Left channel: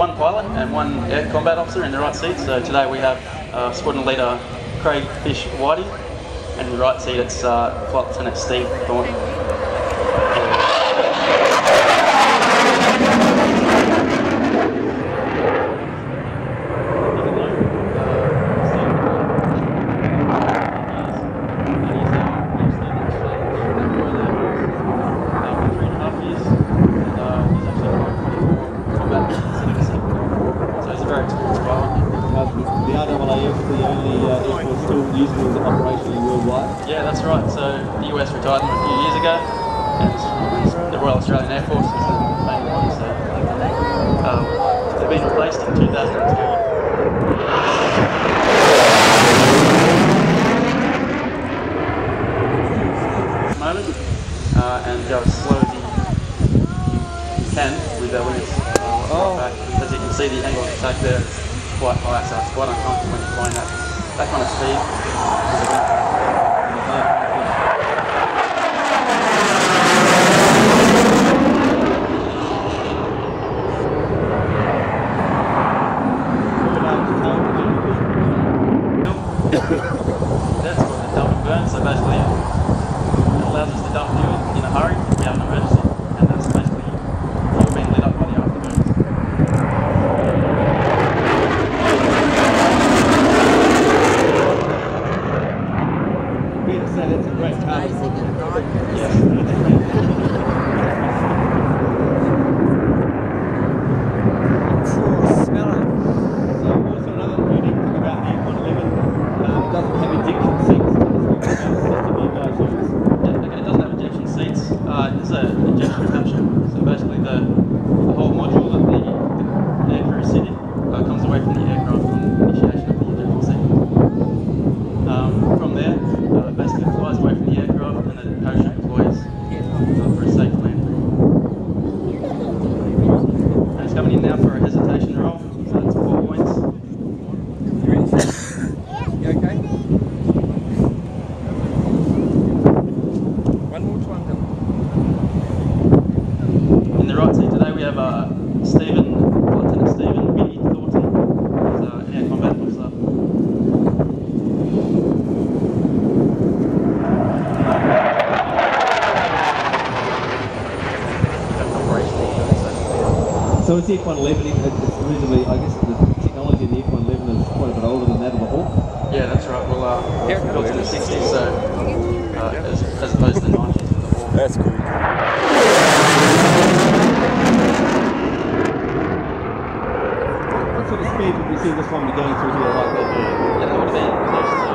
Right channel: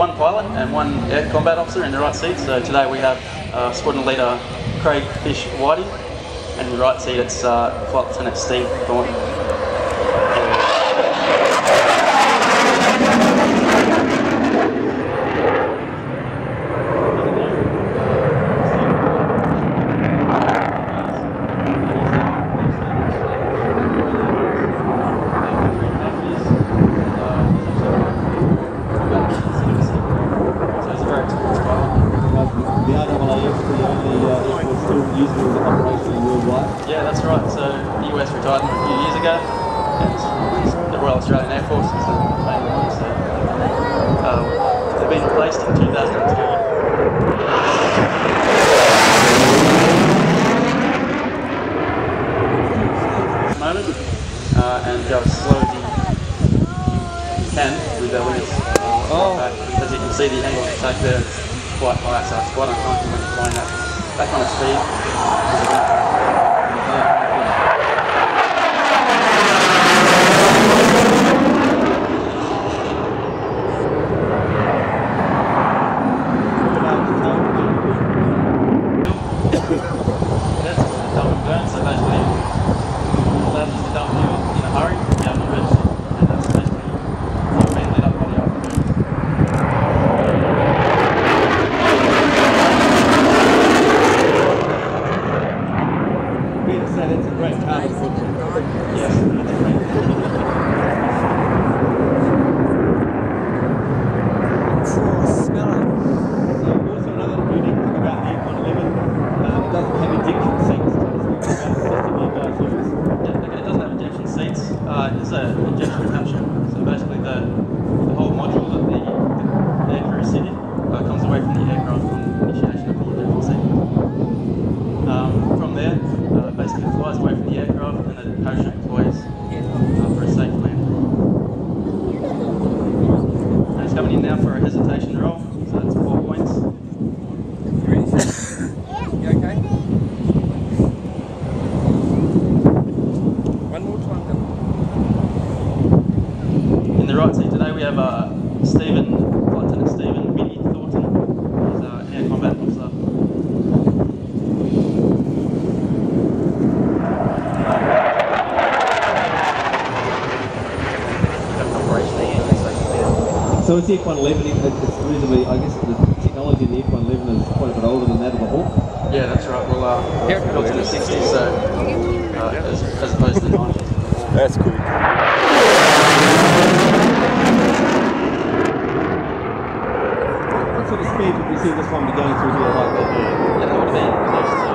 one pilot and one air combat officer in the right seat. So today we have Squadron Leader Craig Fish Whitey, and in the right seat it's Flight Lieutenant Steve Thornton. The RAAF, the only airforce still using it operationally worldwide? Yeah, that's right. So the US retired them a few years ago, and the Royal Australian Air Force is the main one. So they've been replaced in 2002. Moment, and go as slow as you can with the wings back. As you can see, the angle of attack there is quite high, so it's quite uncomfortable when you're flying that kind of speed. That's called a dump and burn, so basically it allows us to dump fuel in a hurry if you have an emergency, and that's basically fuel being lit up by the afterburners. So that's a great carbon footprint. Yes. So also another unique thing about the f111, it doesn't have ejection seats. Tell us about the system you guys use. Yeah, okay, it doesn't have ejection seats. It's an ejection capsule. So basically the whole module that the aircrew sit in comes away from the aircraft on initiation of the ejection sequence. From there, basically it flies away from the aircraft and then the parachute deploys for a safe land. And it's coming in now for a hesitation roll, so that's 4 points. You ready, sir? You okay? One more time, Dylan. In the right seat today we have Flight Lieutenant Stephen Biddy Thornton. He's an air combat officer. So it's the f111, it's reasonably, I guess the technology in the f111 is quite a bit older than that of the Hawk. Yeah, that's right. Well, built in the 60s, so as opposed to the 90s. That's cool. What sort of speed would we see this one be going through here like that? Yeah, that would have been close to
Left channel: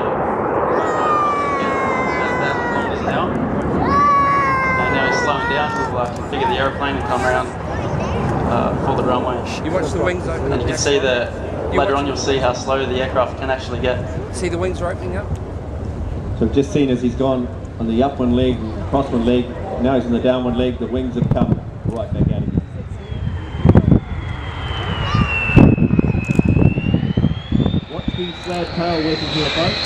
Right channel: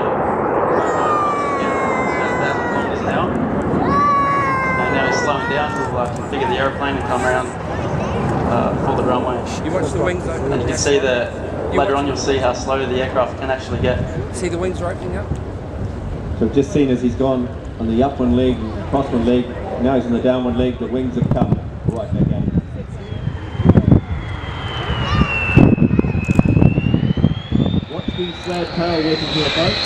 about 1,000 kilometres an hour. And now he's slowing down. We'll configure the aeroplane and come around for the runway. You watch the wings open. And you can see that later on you'll see how slow the aircraft can actually get. See the wings are opening up? So I've just seen as he's gone on the up one leg, cross one leg, now he's on the down one leg, the wings have come right back at him. Watch the slab tail working here, folks.